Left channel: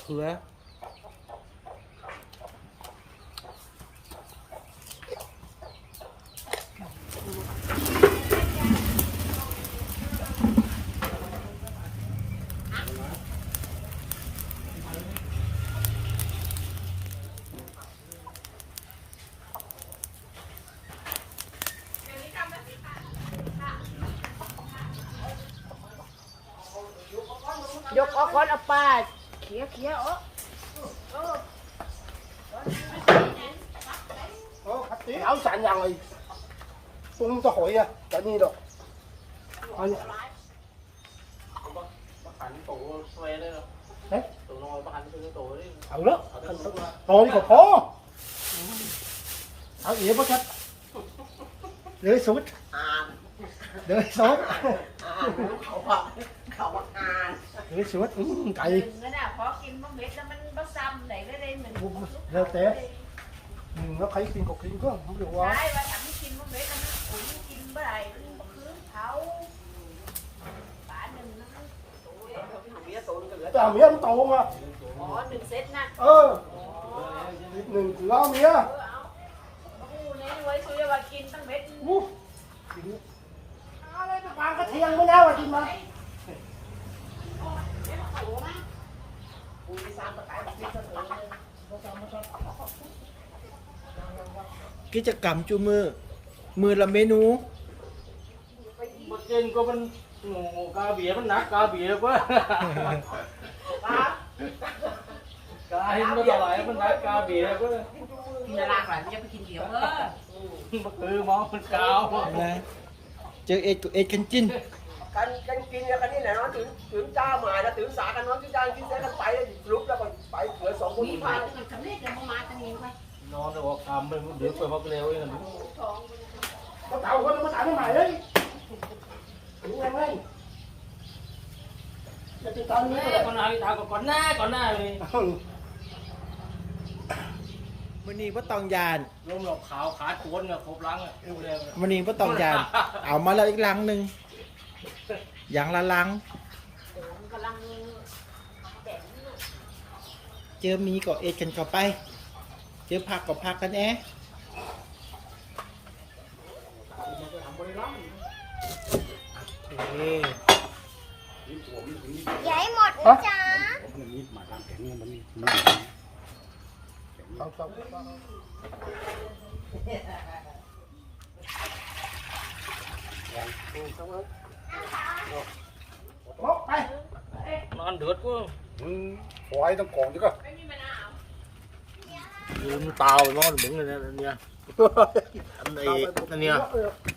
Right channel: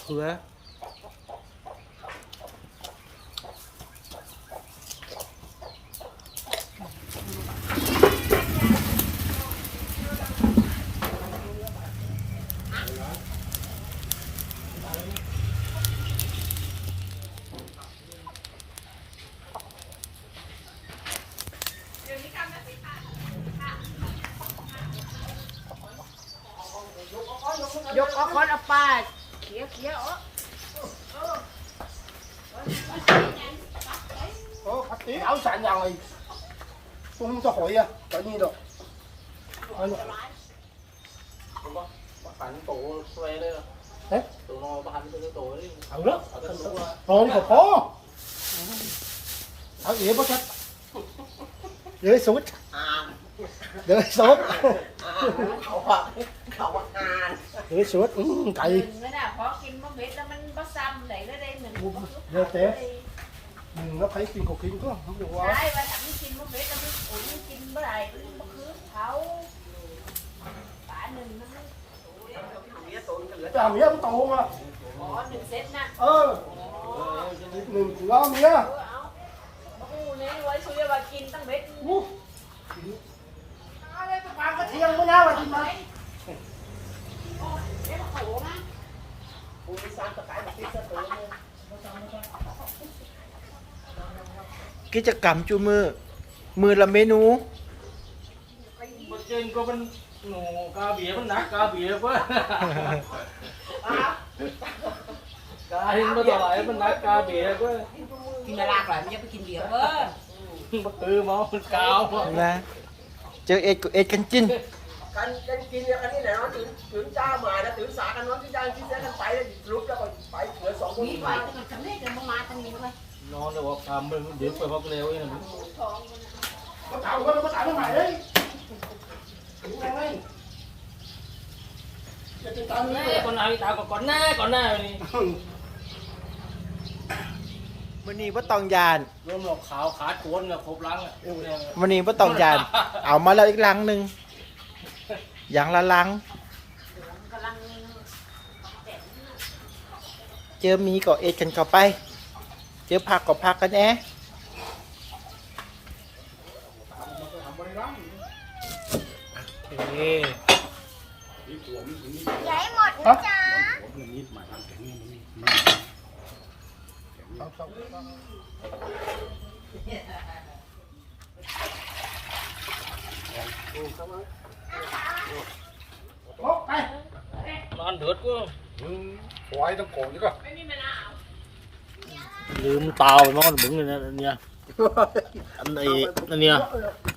เขือ อกคนเอาปลาเขียวเขียว Ờ, phát tí áo sạn nhà mày Tung cho hỏi à, cả như đó Coi nhá หันโตแวได้หรอเอ๊ะตัวนอนหันตัวโตเลย Ừ đó, rồi đi có có Áo ỉa bắt chất Rơi sút Rơi sút เขาบอกเขาบอกอ่าน Rơi sút, ừ, cày ไม่น่าพอกินมเม็ดแล้วมันบ่ซ้ำไหนแล้วได้หนึ่ง Rơi té Ừ, nó thấy kim cục kim có không được ใช่ quá ว่าฉันไม่กินมะเม็ดแล้วมันกินเมื่อไหร่มันคืนเขาหนึ่ง Chà mía không tù mà อ๋อหนึ่งเซตนะ Ờ, đừng lo mía กูเนี่ยไว้ซื้อว่ากินตั้งเม็ด กิจกรรมจูมือ มือละเมนูมันจริงก็มันหนูกาเบียมันหนักกาเบียเว้ยกาหินมาต่อไหลมันหนักกาเบียเว้ยกินอะไรก่อนมันจะไปกินเดียวเว้ยมันตือเมามันกาวมานะเจอเอ็ดกับเอ็ดกันจิน กันกันกินเนี่ยกันนี่ไหนวะถึงถึงจ้าหมายนะถึงสากันน้องที่จ้างที่เส้นกันไปแล้วลุกแล้วก็ไปเหลือสองคนนี่ไปจะมันสำเร็จแล้วมาทางนี้ว่านอนแต่ว่าคำไปเดือดไปพักเร็วเองท้อง Nó tàu nó tàu nó mày đấy Đúng không đấy Cái chị con แม่ này คนไหนตาก็ก่อนหน้าก่อนหน้านี่วันนี้ว่าตองยานรวมหลอกขาวขาโขนกับครบล้างอะวันนี้ว่าตองยาน เอามาแล้วอีกลังหนึ่ง อย่างละลังกำลังเจอหมีก็เอ็ดกันเข้าไป เจอผักก็ผักกันแอะโอเค Móc tay น อนเดือดกู Hoài trong cổ chứ cơ ลืมเตามันบึ้งเลยนะเนี่ยอันไอ้อันเนี่ย Nó